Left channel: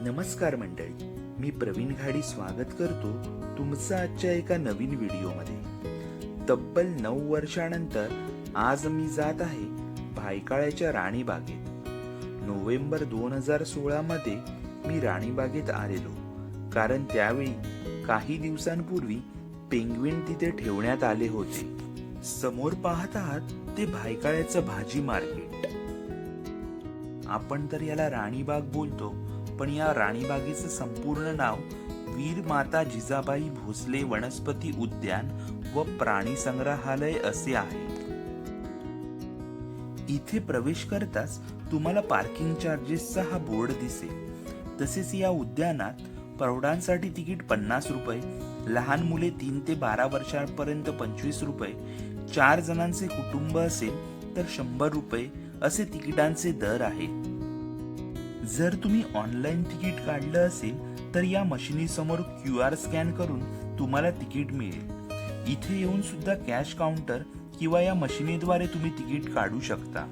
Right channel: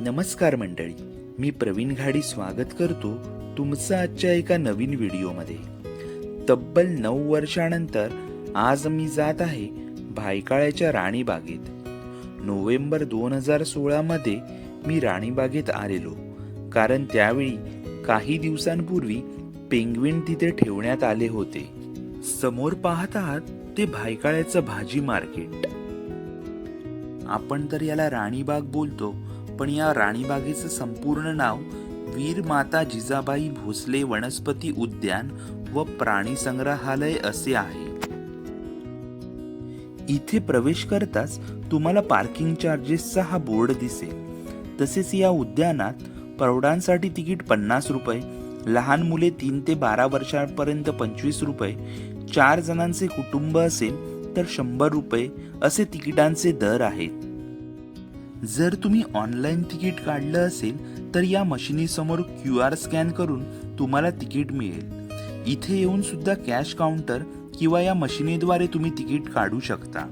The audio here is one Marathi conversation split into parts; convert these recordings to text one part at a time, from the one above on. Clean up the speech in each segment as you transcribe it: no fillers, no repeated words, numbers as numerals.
नमस्कार मंडळी, मी प्रवीण घाडी स्वागत करतो तुमचं आजच्या एका नवीन व्हिडिओमध्ये. तब्बल 9 वर्षानंतर आज मी जात आहे भायखळ्याच्या राणीबागेत. नोव्हेंबर 2016 मध्ये मी राणीबागेत आलेलो, कारण त्यावेळी काही दिवसांपूर्वी पेंग्विन तिथे ठेवण्यात आले होते. समोर पाहत आहात ते भायखळ्याचं भाजी मार्केट. आपण तर याला राणीबाग बोलतो, पण या राणीबागेचं संपूर्ण नाव वीर माता जिजाबाई भोसले वनस्पती उद्यान व प्राणी संग्रहालय असे आहे. इथे प्रवेश करताच तुम्हाला पार्किंग चार्जेसचा हा बोर्ड दिसेल. तसेच या उद्यानात प्रौढांसाठी तिकीट 50 रुपये, लहान मुले 3 ते 12 वर्षांपर्यंत 25 रुपये, 4 जणांचे कुटुंब असेल तर 100 रुपये असे तिकिटांचे दर आहेत. जर तुम्ही ऑनलाईन तिकीट काढलं असेल तर या मशिनीसमोर QR स्कॅन करून तुम्हाला तिकीट मिळेल. इथे येऊन सुद्धा कॅश काउंटर किंवा या मशिनीद्वारे तुम्ही तिकीट काढू शकता.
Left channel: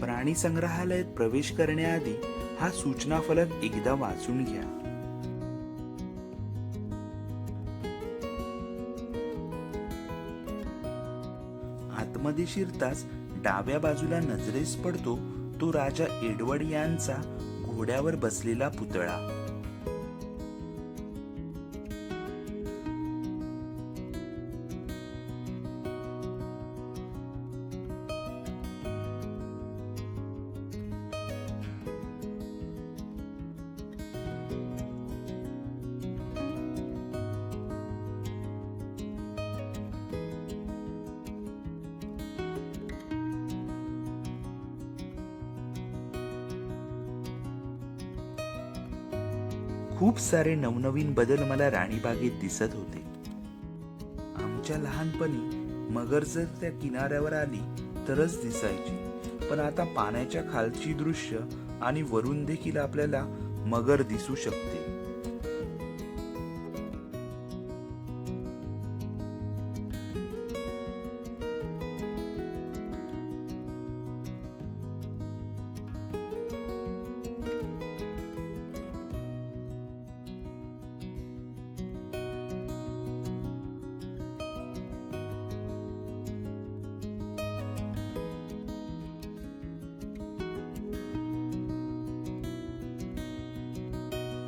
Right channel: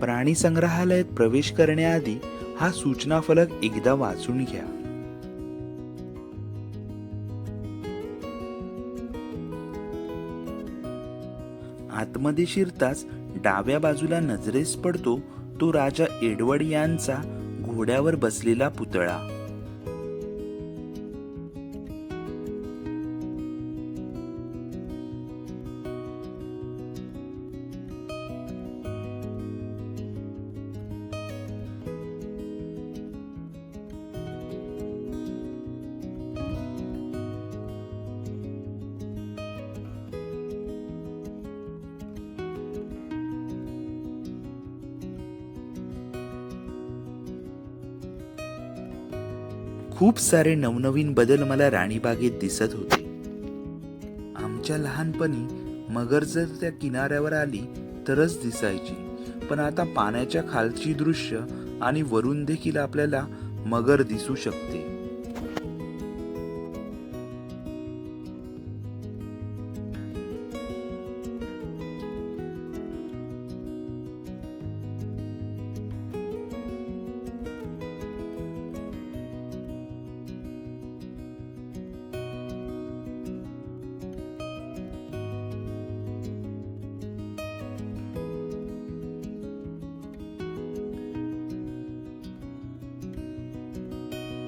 प्राणी संग्रहालयात प्रवेश करण्याआधी हा सूचना फलक एकदा वाचून घ्या. आतमध्ये शिरताच डाव्या बाजूला नजरेस पडतो तो राजा एडवर्ड यांचा घोड्यावर बसलेला पुतळा. खूप सारे नवनवीन बदल मला राणीबागेत दिसत होते. आमच्या लहानपणी मगर जर त्या किनाऱ्यावर आली तरच दिसायची, पण आता पाण्याच्या खालची दृश्य आणि वरून देखील आपल्याला मगर दिसू शकते.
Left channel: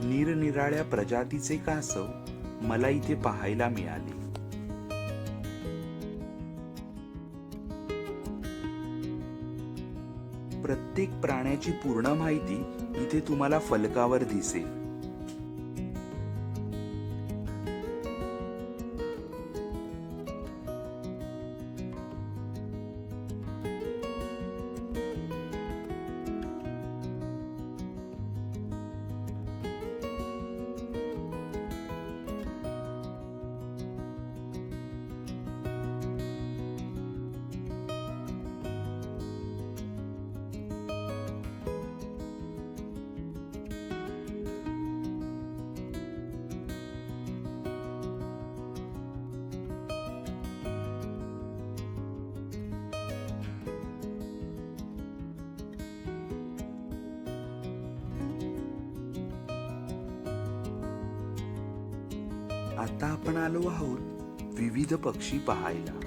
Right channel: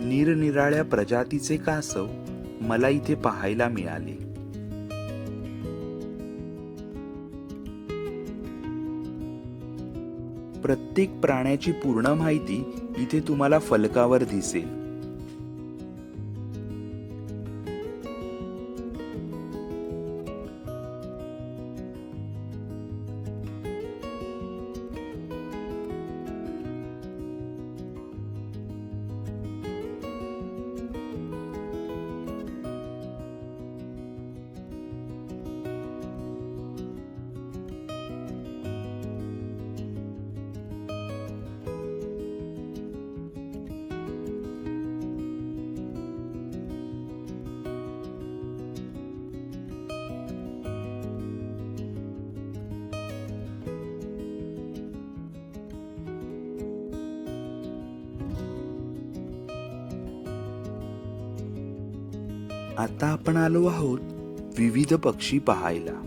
निरनिराळ्या प्रजातीचे कासव मला इथे पाहायला मिळाले. प्रत्येक प्राण्याची पूर्ण माहिती इथे तुम्हाला फलकावर दिसेल. आता आपण आलो आहोत विविध पक्षी पाहायला.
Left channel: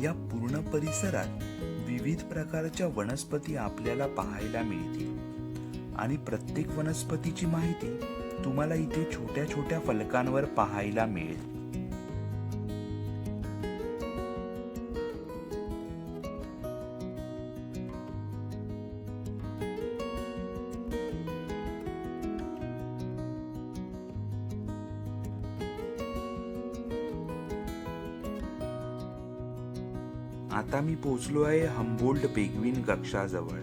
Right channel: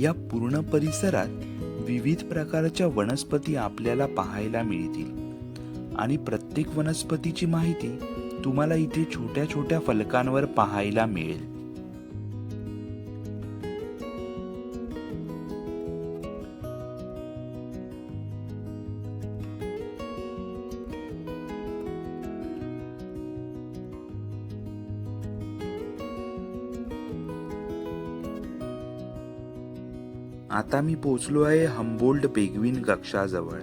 या पूर्ण परिसरात विविध प्रकारच्या वनस्पती आपल्याला पाहायला मिळतील आणि प्रत्येक वनस्पतीची माहिती तुम्हाला इथे छोट्या छोट्या फलकांवर पाहायला मिळेल. आता मी पोहोचलो आहे हम्बोल्ट पेंग्विन कक्षाजवळ.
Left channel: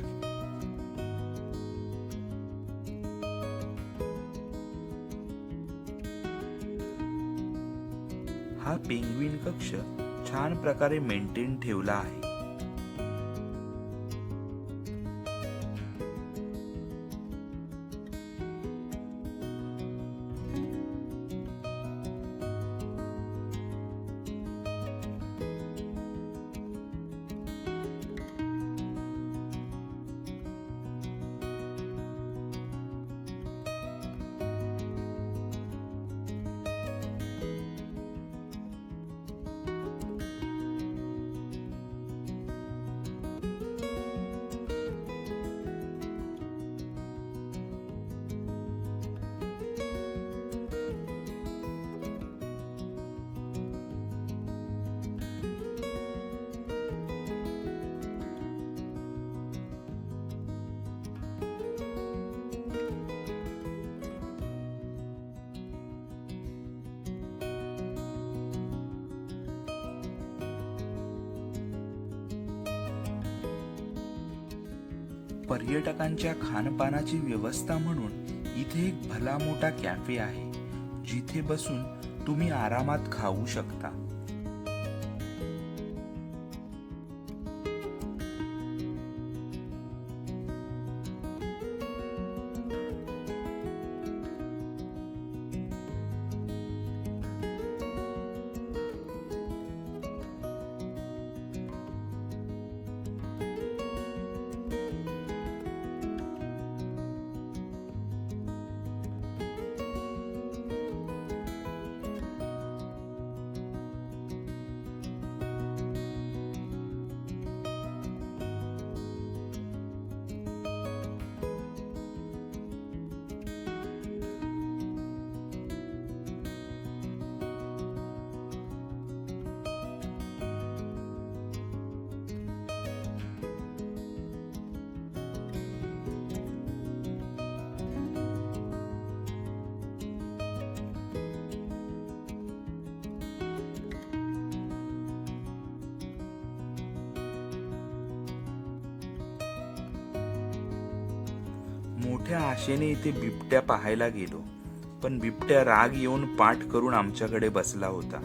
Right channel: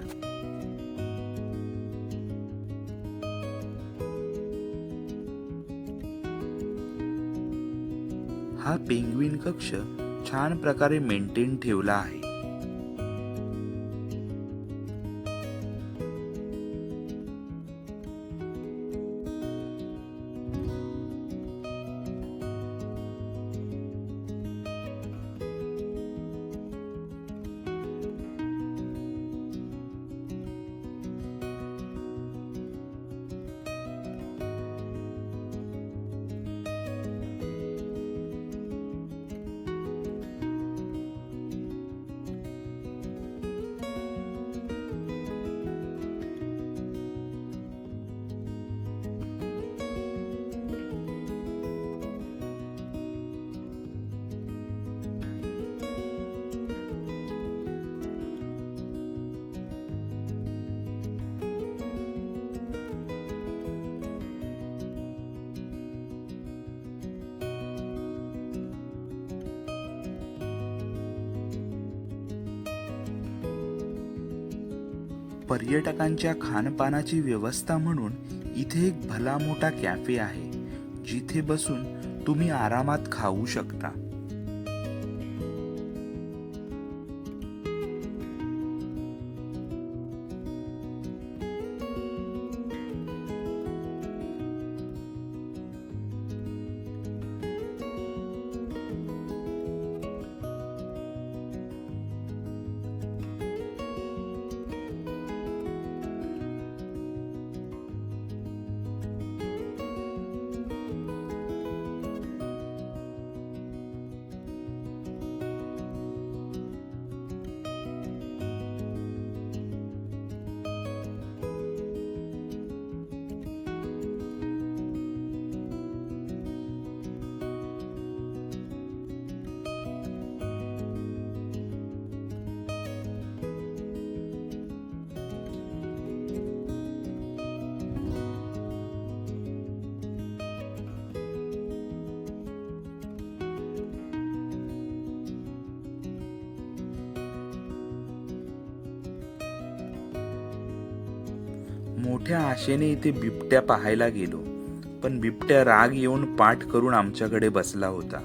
हा पेंग्विन कक्ष छान प्रकारे मेंटेन ठेवला आहे. पर्यटकांच्या खानपानाची व्यवस्था म्हणून इथे एक भला मोठा कॅफे आहे, जिथे बसून तुम्ही आरामात खाऊ शकता. मोठ्या आशेने इथे बिबट्या पाहायला गेलो, पण बिबट्या राग येऊन पाठ करून आमच्याकडे बसला होता.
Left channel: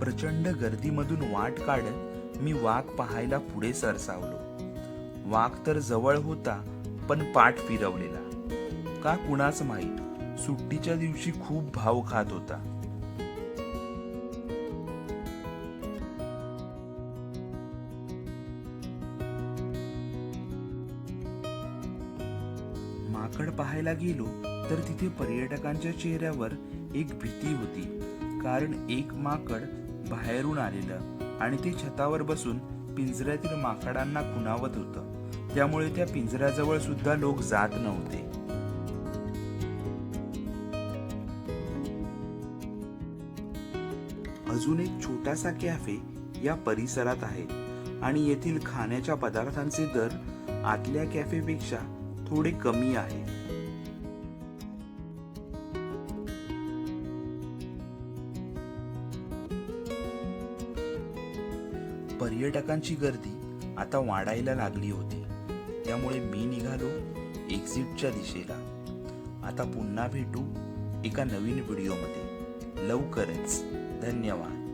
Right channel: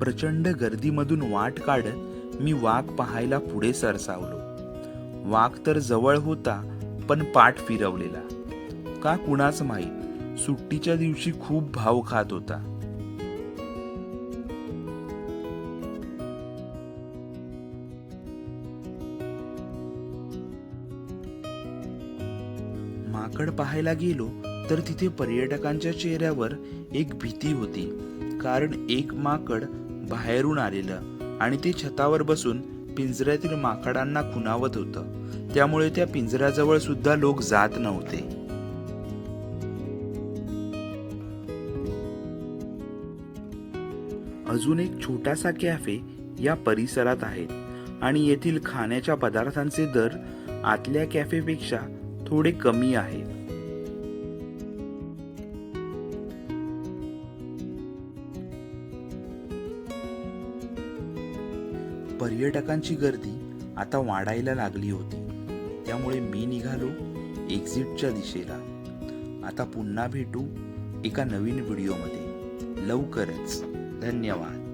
प्रचंड गर्दीमधून वाट काढत मी वाघ पाहायला पुढे सरसावलो. वाघ तर जवळ होता, पण पाठ फिरवलेला. का कुणाच माहीत, सुट्टीच्या दिवशी खूप भाव खात होता. माकड पाहायला गेलो तर तिथे पर्यटकांच्या चेहऱ्यावर एक भीती होती, कारण एक माकड बाहेरून आलेलं आणि ते छतावर बसून पिंजऱ्यातील माकडांना खुणावत होतं. त्यामुळे त्या पिंजऱ्याजवळ सुद्धा लोक जात नव्हते. अजून एक छोटासा कॅफे या परिसरात आहे आणि येथील खाण्याच्या पदार्थांचे दर आतल्या कॅफेपेक्षा थोडे कमी आहे. पर्यटकांची गर्दी आता वाढायला लागली होती, त्यामुळे मी निघालो एक्झिटच्या दिशेला. आता पुन्हा भेटू एका नवीन व्हिडिओमध्ये लवकरच. धन्यवाद.